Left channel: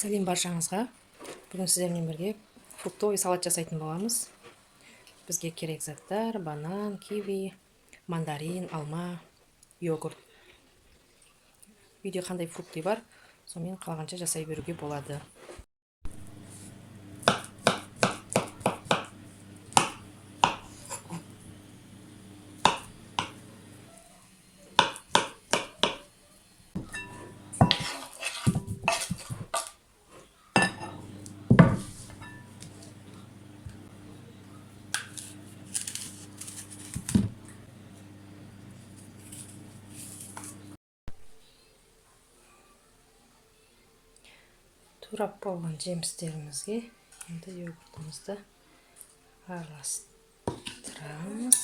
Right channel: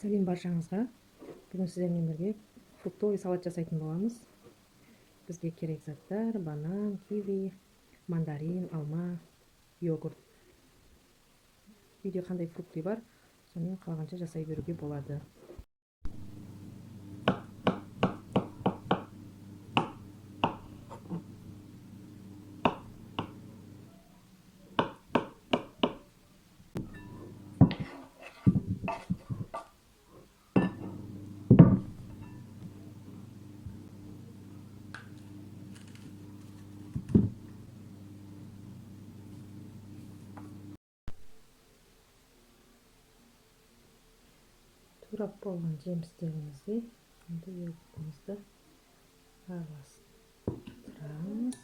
Сәлем баршаңызға. Бүгін сіздермен бірге фруктовый салат жасайтын боламыз. Бізге керек заттар: банан, киви, мандарин, алма, йогурт. Үйде қандай фрукты бар, сонымен қалғанша жасай беруге болады. Турап болған жемістерімізге енді йогуртымызды араластырамыз.